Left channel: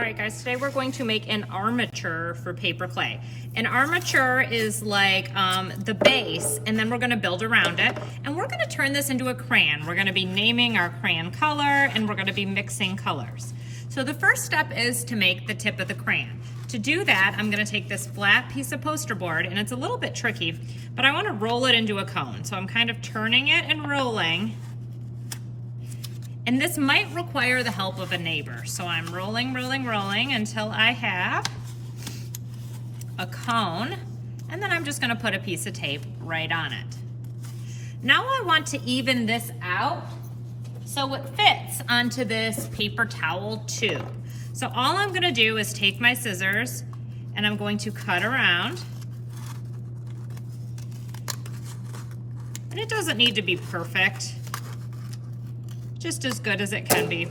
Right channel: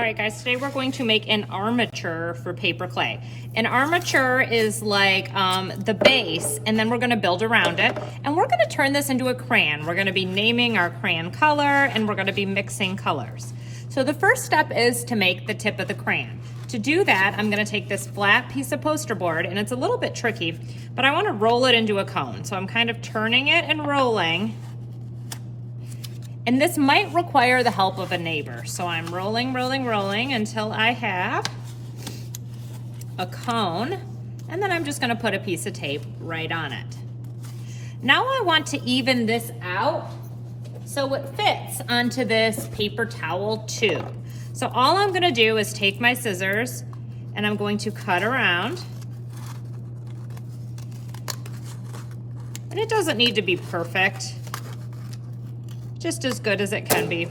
All right guys, today we're going to make an armature for paper clay. An armature is like the base, and then we're gonna build around it, and we're gonna turn this into a crayon. We're gonna be naming our crayon color, and we're gonna be mixing colors. So the first step is to make the tip of the crayon. To do that, I'm gonna take this flat piece of poster board, and it's a little bit tricky, but I wanna roll it into a cone. So I'm kind of turning it and rolling. And this might require the help of a neighbor. So I'm rolling, rolling, rolling until I have a cone, and then I'm just gonna put a piece of tape right on it. Now I want to even this out so it fits onto this paper towel tube. So all I'm gonna do is take my scissors and I'm going to cut around. And it doesn't need to be perfect. Just as good as it can be.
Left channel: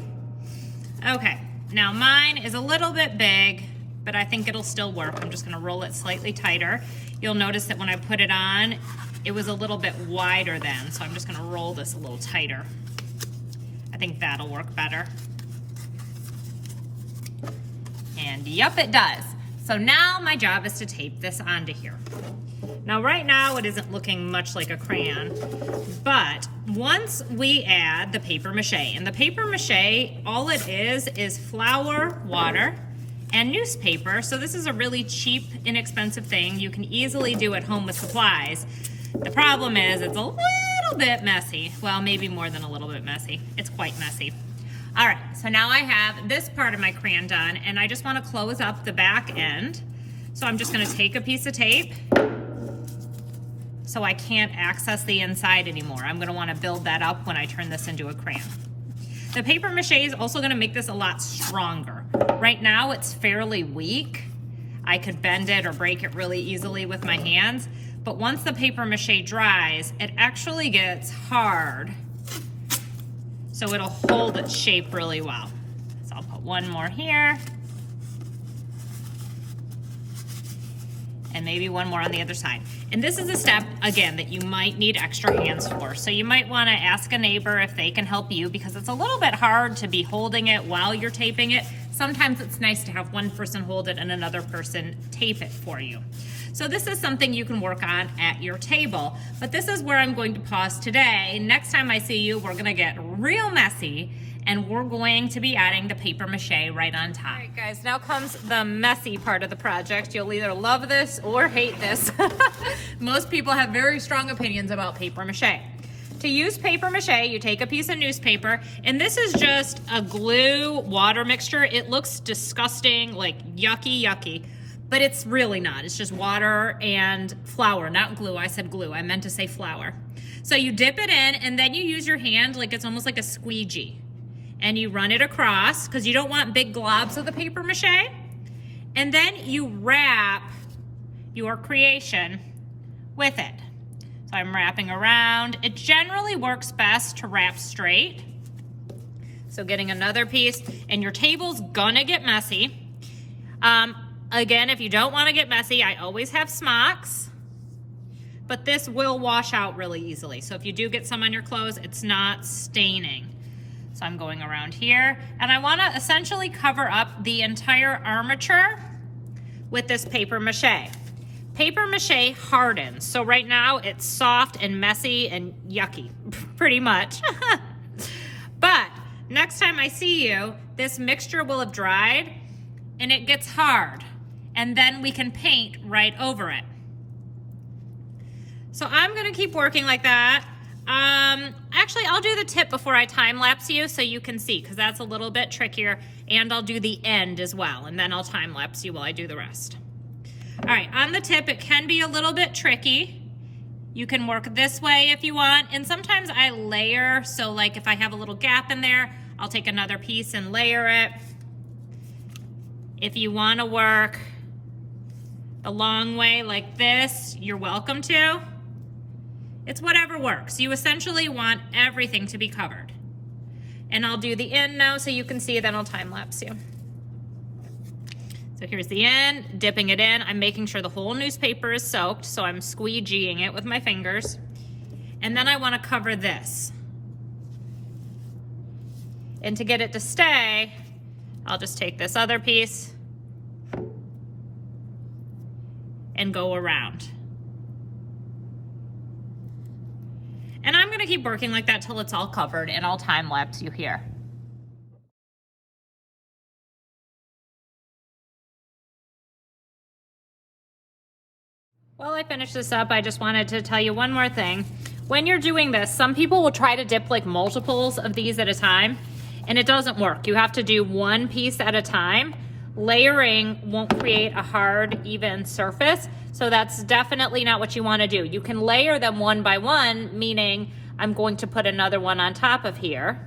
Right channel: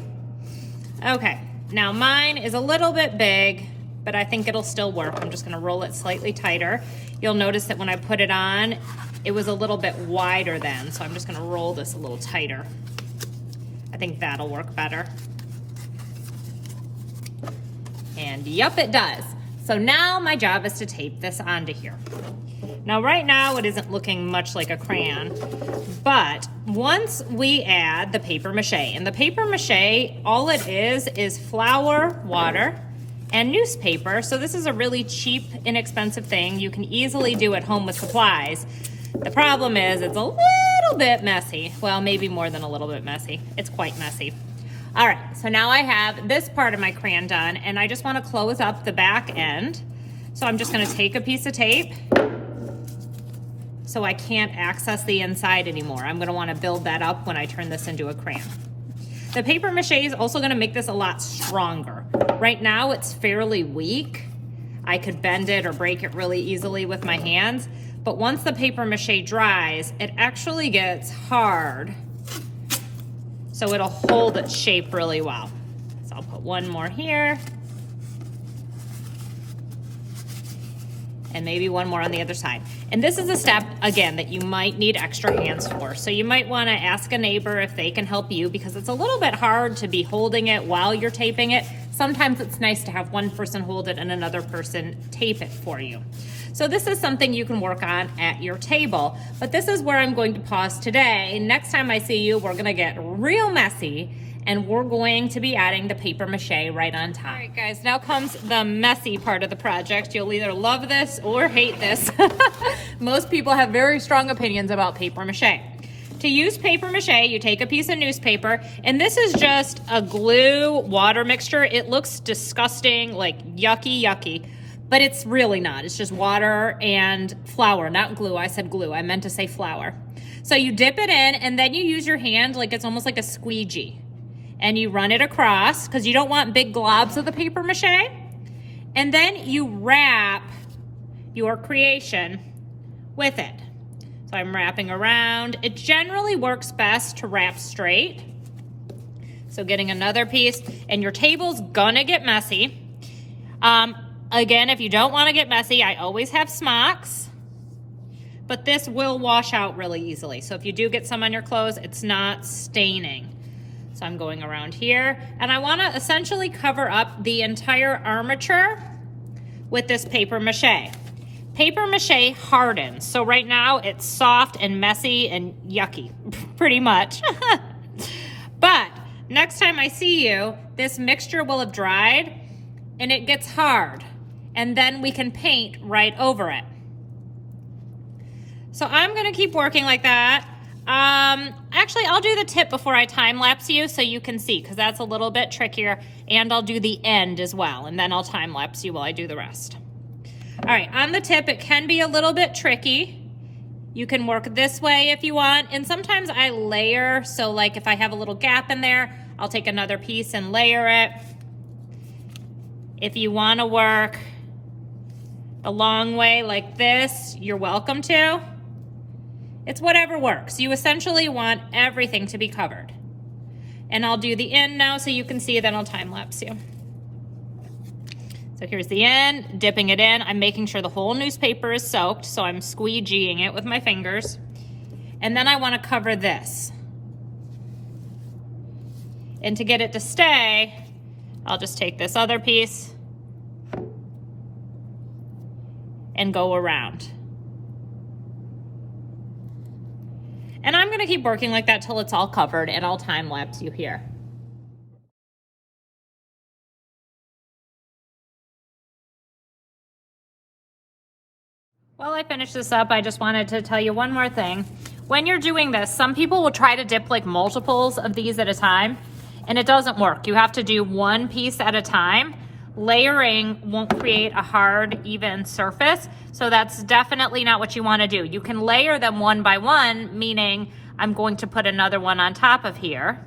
Okay, now mine is a little bit big, but I think it'll still work. I'm just gonna roll it slightly tighter. You'll notice that when I put it on, it was a little bit wider then, so I'm just gonna roll this a little tighter. I think that'll work better. And yup, it does. So now my job is to tape this onto here. Now right now it isn't looking much like a crayon, but once we add the paper mache, and the paper mache, all it is flour, water, and newspaper. So this is a really cheap, inexpensive thing you can easily do at home with supplies. The problem is it's a little bit messy. Well, maybe more than a little bit messy. It's quite messy. All right, so now I have this part of my crayon done, and I just want to close up the back end. So I'm just going to take a piece of tape so I can't access the inside anymore. I'm gonna wanna build that up when I turn this into a crayon. The paper mache is also gonna make this a lot stronger. Right now it's fairly weak. I could bend it or break it really easily with my hands, but once the paper mache dries, it actually gets hard. So it'll hold its shape really well. So I'll put one more here. And maybe one more on the other side. And this is a step, again, that you might need extra hands for. So you might wanna ask a neighbor if they can help you, because it's a little bit hard to be holding it while you're taping it. Sometimes it's nice to have one person hold it and another person tape it for you. So this is something you can work on at your table. But this is where I'm going to pause today. Next time I see you, we're gonna get real messy, and we're going to be adding the paper mache right on top. All right guys, now comes the messy part of the project. You'll either love this or hate this. Most people have very strong opinions about paper mache. To use paper mache, you take a piece of newspaper, and this is just a glue water mixture. It looks disgusting, like yucky, but it's really not. It's just water and flour, not glue. I said glue, I meant to say flour. So you dip it in, and then you use your hand like it's almost like a squeegee. And you run it across, because you don't want big globs of the paper mache. And then you wrap your creation with it. So I'm wrapping around. It generally works best to wrap straight. So getting another piece, and your table's gonna get messy. Again, if you don't wanna get messy, I always have smocks, but this will wash out really easily. So if you do get some on your clothes, it's not staining. So I'm going around here, and I wanna essentially cover up the entire armature with this paper mache. Paper mache hardens, so right now it's soft and messy and yucky, pretty much. But next time I see you, this mixture will have dried and it gets hard, and then we can paint right over it. So I'm gonna keep working like that. Actually, I'll do the tip before I time lapse you so you can see, because that's a little bit trickier, and I'll do the end as well, and then I'll time lapse you while I do the rest. All right, on the tip, it can be a little bit tricky. You can work this way if you want, and sometimes I layer, so like if I have a little gap in there, I'll take another piece and layer it. If you wanna work the long way like this, you're welcome to. It's whatever works. You essentially want everything to be covered. And I'll do the end now so you can see, then I'll time lapse you. So here's the end, dipping it in. I'm making sure the whole newspaper is soaked, so I'm squeegeeing it with my fingers. And then I want to cover this. And to get it to stay, I'll just take this other piece and go around. And I'm gonna keep working like that till it's all covered, and I'll time lapse you here. While I finish this up, I just wanted to tell you one more thing. When you're doing this, some people will try to dip like multiples of these at a time, and it doesn't work. You have to do one piece at a time. Layering won't create a hard, even surface, so that's definitely not what you want to do. You can layer them one by one, meaning I'm going to put another one on top of here,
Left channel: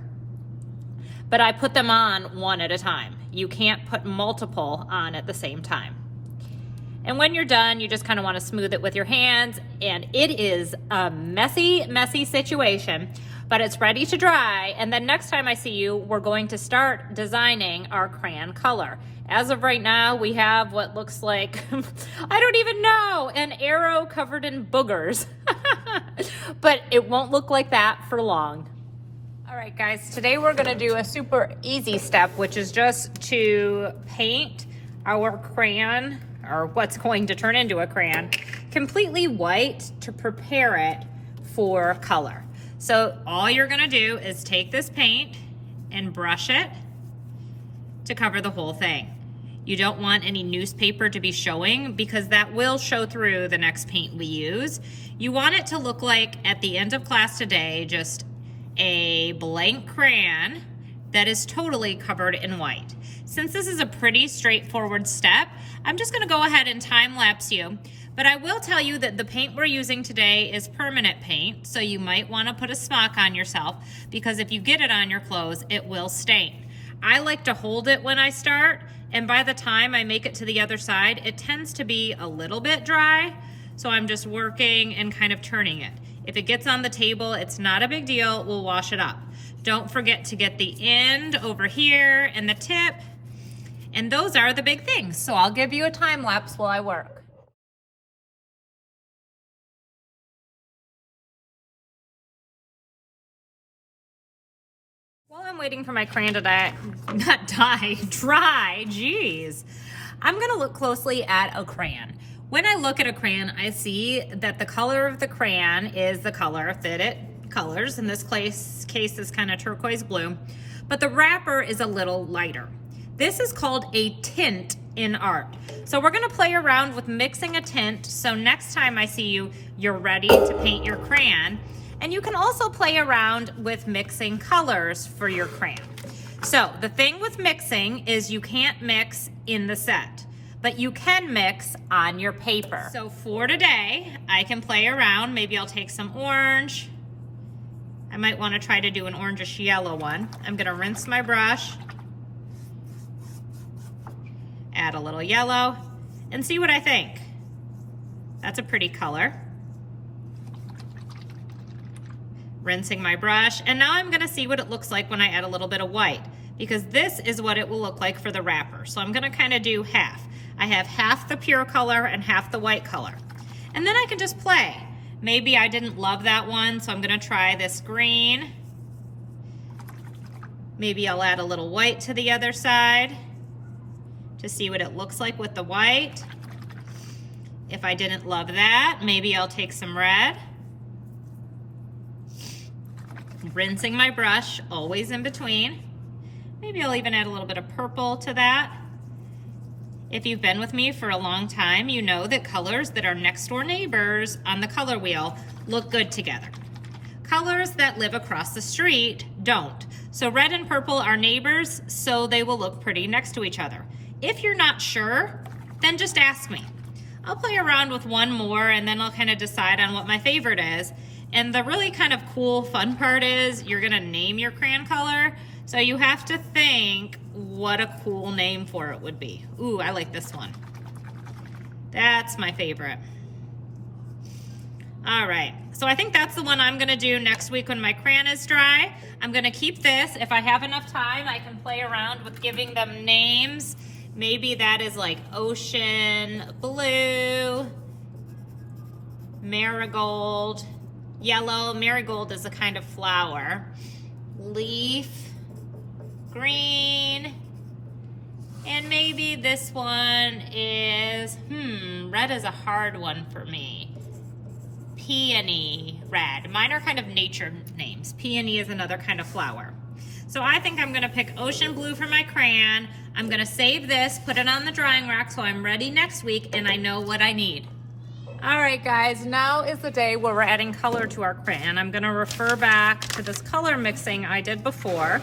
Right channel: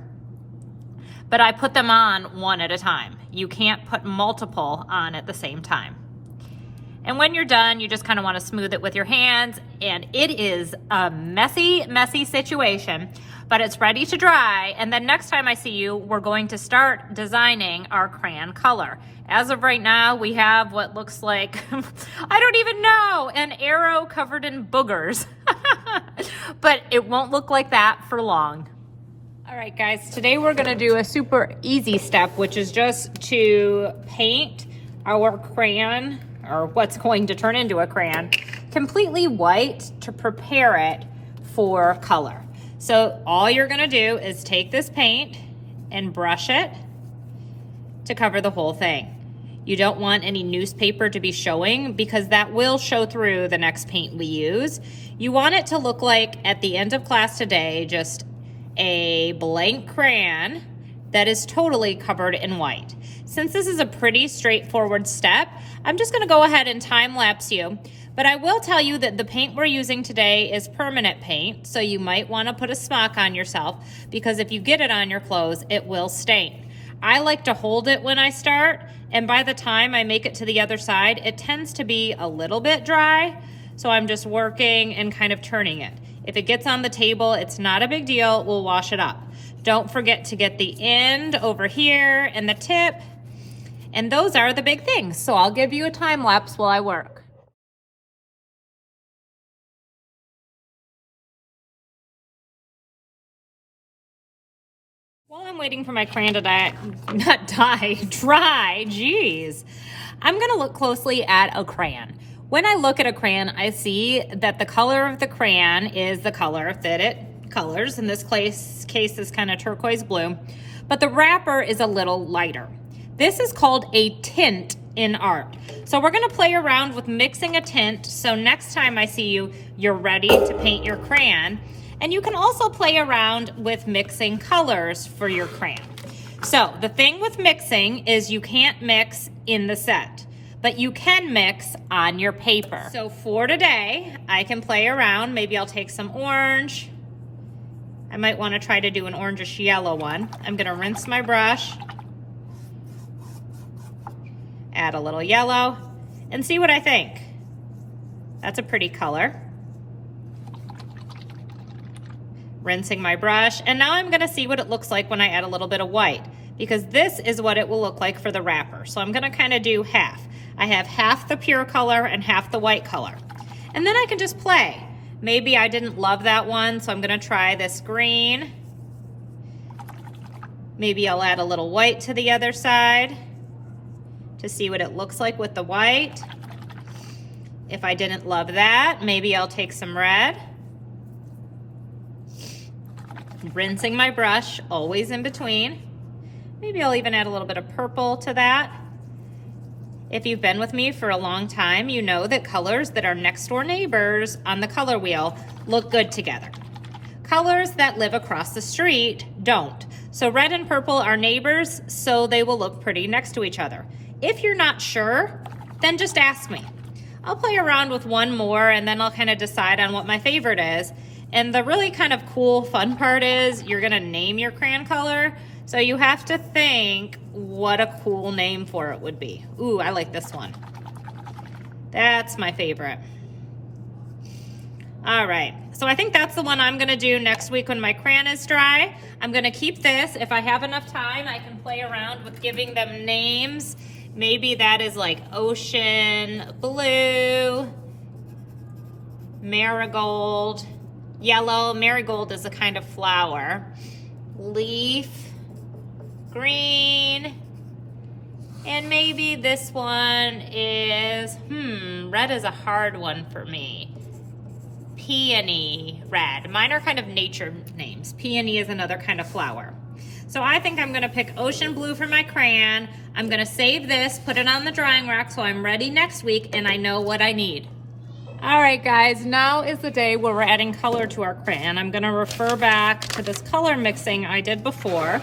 but I put them on one at a time. You can't put multiple on at the same time. And when you're done, you just kind of want to smooth it with your hands, and it is a messy, messy situation, but it's ready to dry. And then next time I see you, we're going to start designing our crayon color. As of right now, we have what looks like, I don't even know, an arrow covered in boogers. But it won't look like that for long. All right, guys, today we're gonna do a super easy step, which is just to paint our crayon, or what's going to turn into a crayon, completely white to prepare it for color. So all you're gonna do is take this paint and brush it to cover the whole thing. You don't want any newspaper to be showing because that will show through the next paint we use. You want it to look like at the end of class today, just a blank crayon that is totally covered in white. Since this is a pretty straightforward step, I'm just gonna go ahead and time lapse you, but I will tell you that the paint we're using today is permanent paint, so you might wanna put a smock on yourself because if you get it on your clothes, it will stain. I like to hold it when I start, and by the time I make it to the other side, it tends to be a little bit dry, so I'm just working and kind of turning it. If it gets on the table, it's not a big deal, we'll wash it up. Don't forget to get the end over here and the tip, and those are the big things. So I'll give you a time lapse while I work. While I'm waiting for my crayon to dry, geez. I'm gonna look closely at a crayon. When I look at a crayon, I see that the color of the crayon is the color that it colors. In this case is kind of turquoise blue, but the wrapper is a little lighter. This is called a tint in art. So we're gonna play around with mixing a tint, so next time I see you, you're ready to paint your crayon. And you can also play around with mixing colors for your crayon. So the thing with mixing is you can't mix in the set, but you can mix on your paper. So for today, I can play around. Maybe I'll take some orange. I might want to try to do an orangish yellow one. I'm gonna rinse my brush, add a little yellow, and see what I think. That's a pretty color. Rinsing my brush, and now I'm gonna see what it looks like when I add a little bit of white, because this is what it will look like for the wrapper. So I'm gonna kind of do half. I have half the pure color and half the white color. And then I can just play. Maybe I didn't love that one, so I'm gonna try this green. Maybe I'll add a little white to the other side to see what it looks like with the white. If I didn't love that, maybe I'll take some red. Rinsing my brush, always in between. Maybe I'll even add a little bit of purple to that. If you've been with me for a long time, you know that colors that are next door neighbors on the color wheel look good together. Colors that live across the street don't. So red and purple are neighbors, so they will look pretty next to each other. If you're not sure, then just ask me. I'll play around with one more and then I'll kind of decide on what my favorite is. And the really kind of cool, fun part is you're gonna name your crayon color, so you have to think what a cool name for it would be. Ooh, I like this one. That's my favorite. All right, so I think that's the one I'm gonna do next week when my crayon is dry. I'm gonna keep this. If I have enough time, I can play around with giving them names. Maybe that is like ocean blue, marigold, yellow. Marigold is a kind of flower. Leaf, green, And maybe this one is, red is a hard one for me. Peony red. Mine are kind of nature names. Peony is another kind of flower. So I think I'm gonna pick ocean blue for my crayon. I'm gonna save this, put it on the drying rack so I'm ready next week and I know what I need. All right guys, now is the day where we're adding color to our crayon. I'm gonna refer back to this color mixing I did before.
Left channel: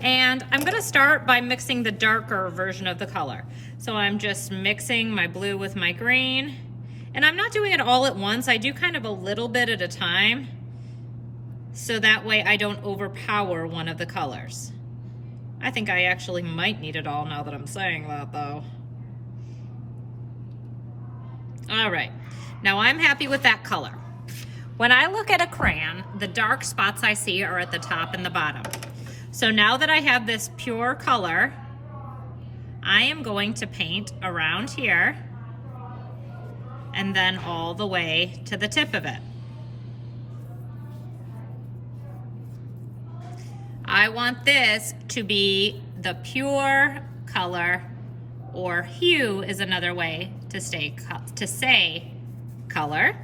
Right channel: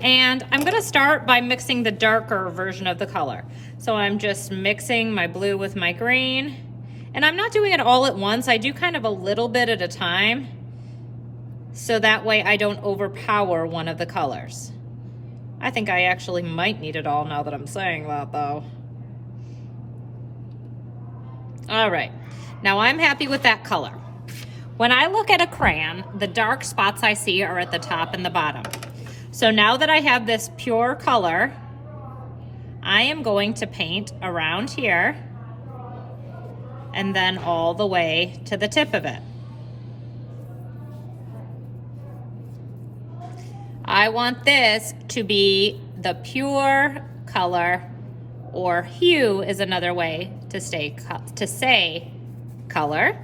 And I'm gonna start by mixing the darker version of the color. So I'm just mixing my blue with my green. And I'm not doing it all at once. I do kind of a little bit at a time. So that way I don't overpower one of the colors. I think I actually might need it all now that I'm saying that though. All right, now I'm happy with that color. When I look at a crayon, the dark spots I see are at the top and the bottom. So now that I have this pure color, I am going to paint around here and then all the way to the tip of it. I want this to be the pure color, or hue is another way to say color.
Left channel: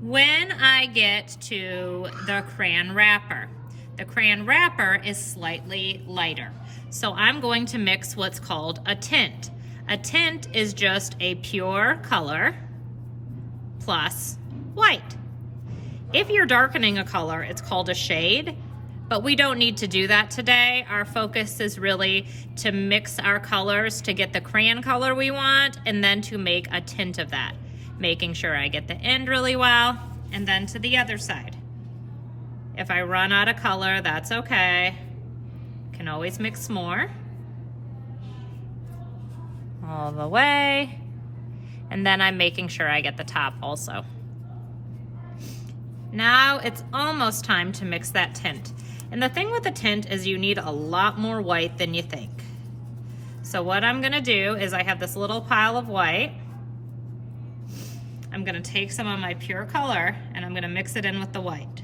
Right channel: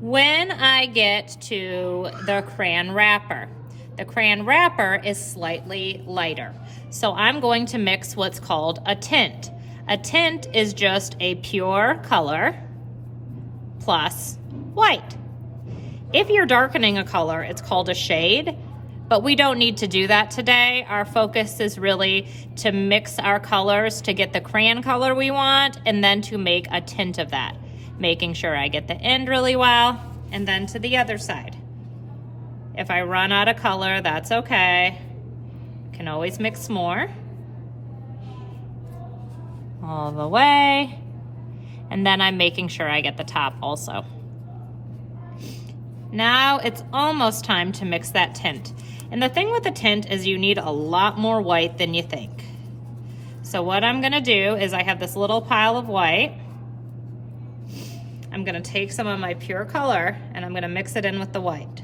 When I get to the crayon wrapper, the crayon wrapper is slightly lighter. So I'm going to mix what's called a tint. A tint is just a pure color plus white. If you're darkening a color, it's called a shade, but we don't need to do that today. Our focus is really to mix our colors to get the crayon color we want and then to make a tint of that, making sure I get the end really well and then to the other side. If I run out of color, that's okay. Can always mix more. All the way. And then I'm making sure I get the top also. Now it's almost time to mix that tint. And the thing with the tint is you need a lot more white than you think. So what I'm gonna do is I have this little pile of white. I'm gonna take some of my pure color and I'm gonna mix it in with the white.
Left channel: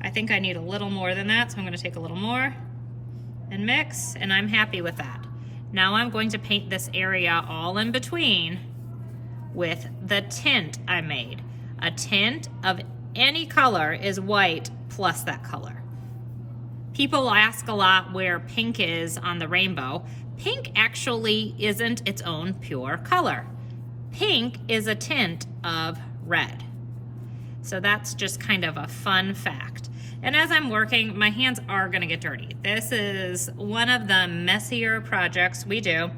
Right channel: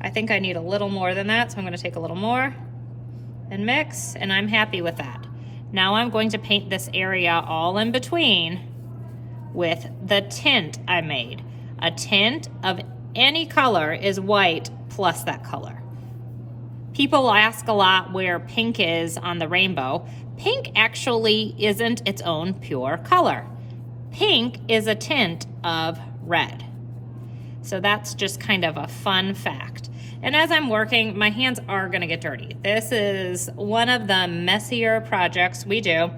I think I need a little more than that, so I'm gonna take a little more and mix, and I'm happy with that. Now I'm going to paint this area all in between with the tint I made. A tint of any color is white plus that color. People ask a lot where pink is on the rainbow. Pink actually isn't its own pure color. Pink is a tint of red. So that's just kind of a fun fact. And as I'm working, my hands are gonna get dirty. This is one of the messier projects we do.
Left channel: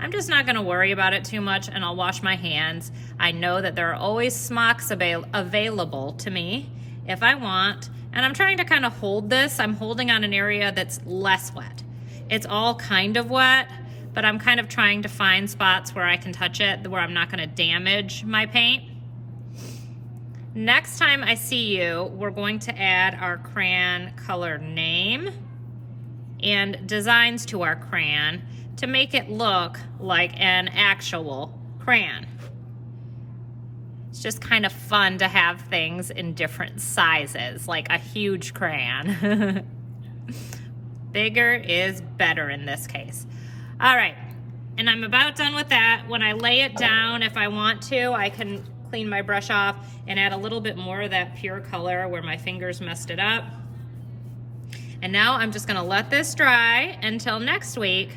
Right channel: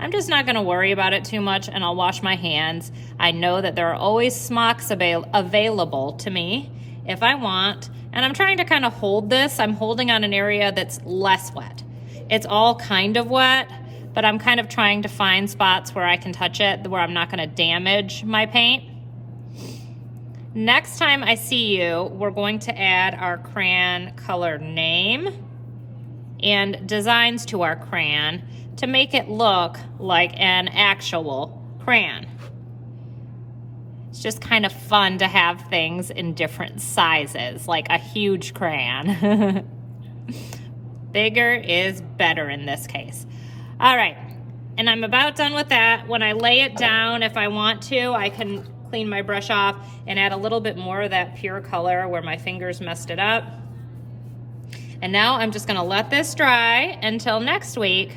I'm just not gonna worry about it too much and I'll wash my hands. I know that there are always smocks available to me if I want. And I'm trying to kind of hold this. I'm holding on an area that's less wet. It's all kind of wet, but I'm kind of trying to find spots where I can touch it, where I'm not gonna damage my paint. Next time I see you, we're going to add our crayon color name and designs to our crayon to make it look like an actual crayon. It's just kind of fun to have things in different sizes, like a huge crayon. Bigger is better in this case. All right, and I'm about done with that. When I lay it down, if I want to, I can clean my brush off and add a little bit more of that pure color where my fingers messed it up. And now I'm just gonna let this dry until next week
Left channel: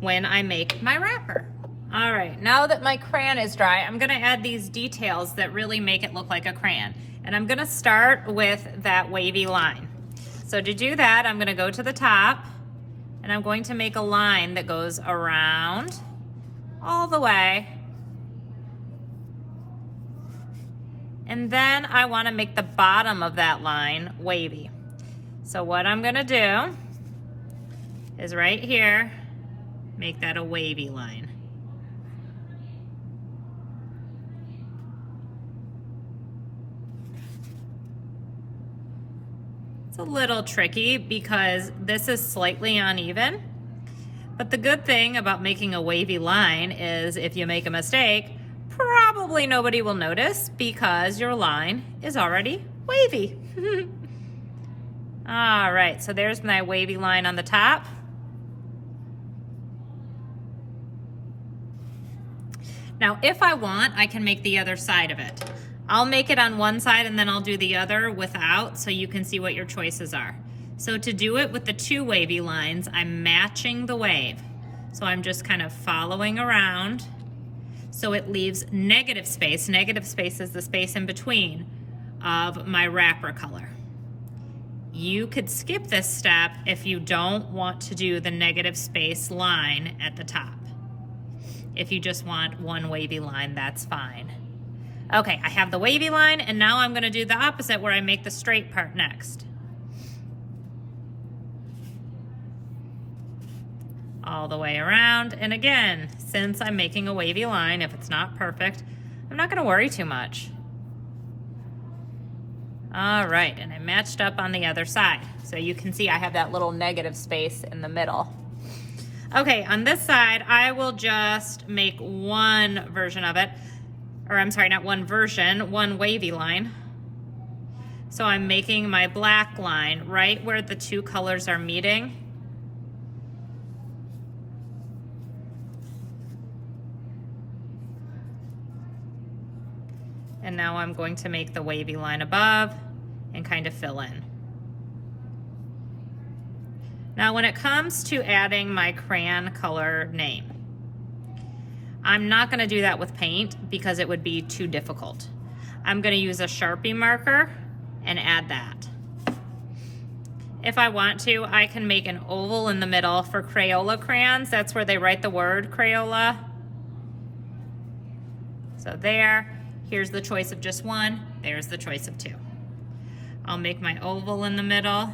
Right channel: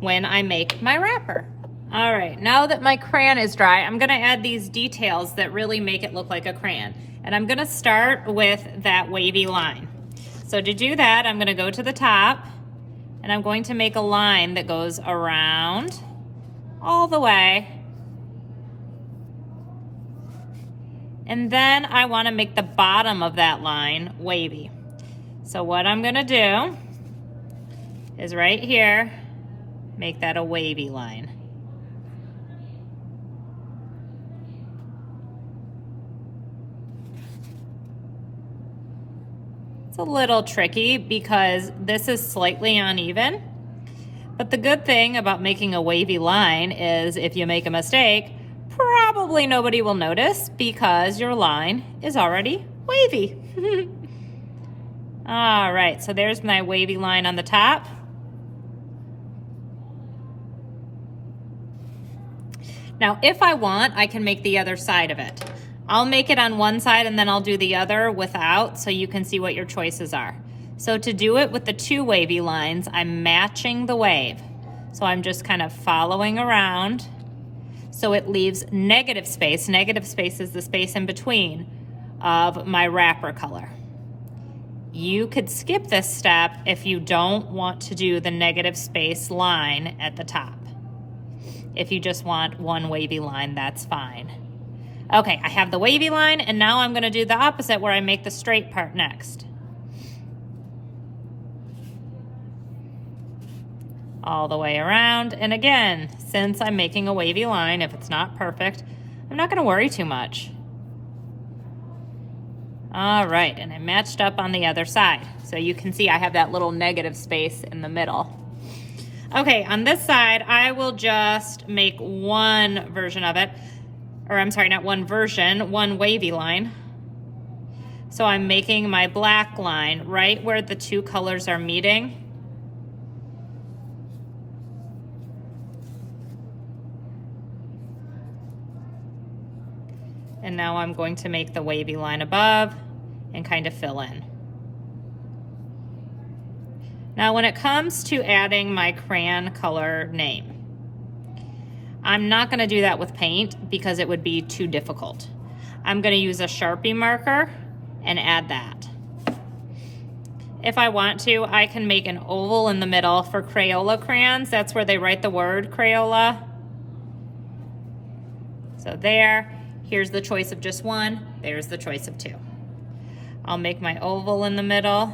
when I make my wrapper. All right, now that my crayon is dry, I'm gonna add these details that really make it look like a crayon. And I'm gonna start with that wavy line. So to do that, I'm gonna go to the top and I'm going to make a line that goes around all the way. And then I wanna make the bottom of that line wavy. So what I'm gonna do is right here, make that a wavy line. It's a little tricky because this is slightly uneven, but the good thing about making a wavy line is if you make a mistake, probably nobody will notice because your line is already wavy. All right, so there's my wavy line on the top. Now, if I want, I can make the other side of it. I'll make it on one side and then I'll do the other without so you can see what your choices are. So to do it with the two wavy lines, I'm matching the wave. So I'm just kind of following around so it leaves negative space. Negative space is the space in between of my wrapper color. You could skip this step if you don't want to do the negative space line at the top. If you just want one wavy line, that's fine. Okay, I have the wavy line, and now I'm gonna do the opposite where I make the straight part next. All the way around, and again, since I'm making a wavy line, if it's not perfect, I'm not gonna worry too much. All right, and I matched up on the other side. So you can see I have that little negative space in the middle. Okay, on this side, I will just make one version of it, or I'm sorry, not one version, one wavy line. So I'm making my black line right where the two colors are meeting. And now I'm going to make the wavy line above and kind of fill in. Now when it comes to adding my crayon color name, I'm not gonna do that with paint because it would be too difficult. I'm gonna use a Sharpie marker and add that. If I want to, I can make an oval in the middle for Crayola crayons. That's where they write the word Crayola. So there, here's the choice of just one, there's the choice of two. I'll make my oval in the middle.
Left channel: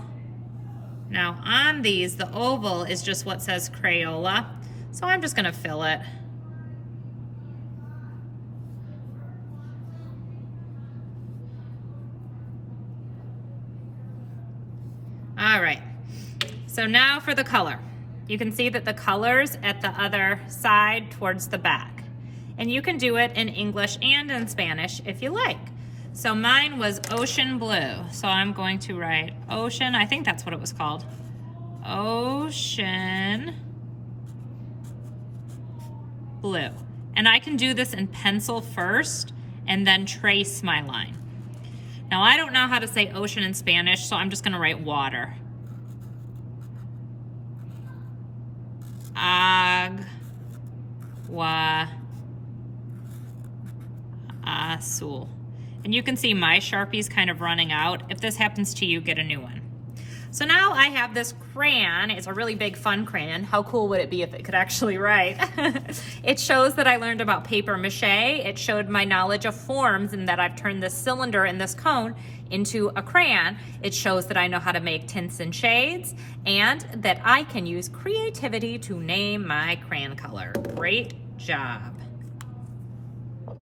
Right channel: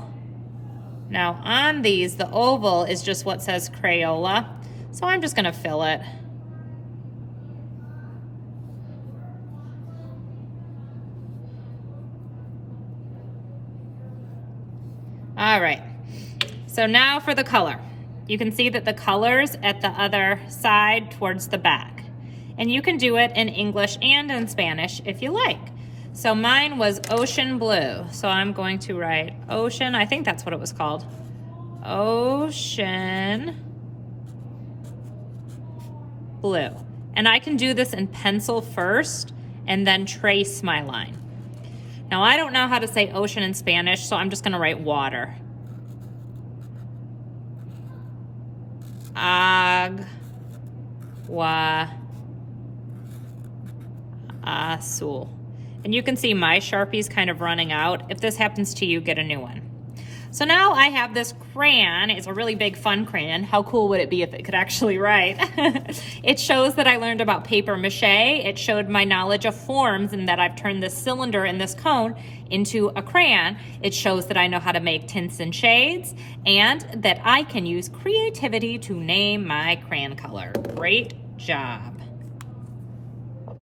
Now on these, the oval is just what says Crayola, so I'm just gonna fill it. All right, so now for the color. You can see that the color's at the other side towards the back. And you can do it in English and in Spanish if you like. So mine was ocean blue. So I'm going to write ocean, I think that's what it was called. Ocean blue. And I can do this in pencil first and then trace my line. Now I don't know how to say ocean in Spanish, so I'm just gonna write water. Agua azul. And you can see my Sharpie's kind of running out. If this happens to you, get a new one. So now I have this crayon. It's a really big fun crayon. How cool would it be if it could actually write? It shows that I learned about paper mache. It showed my knowledge of forms and that I've turned this cylinder and this cone into a crayon. It shows that I know how to make tints and shades and that I can use creativity to name my crayon color. Great job.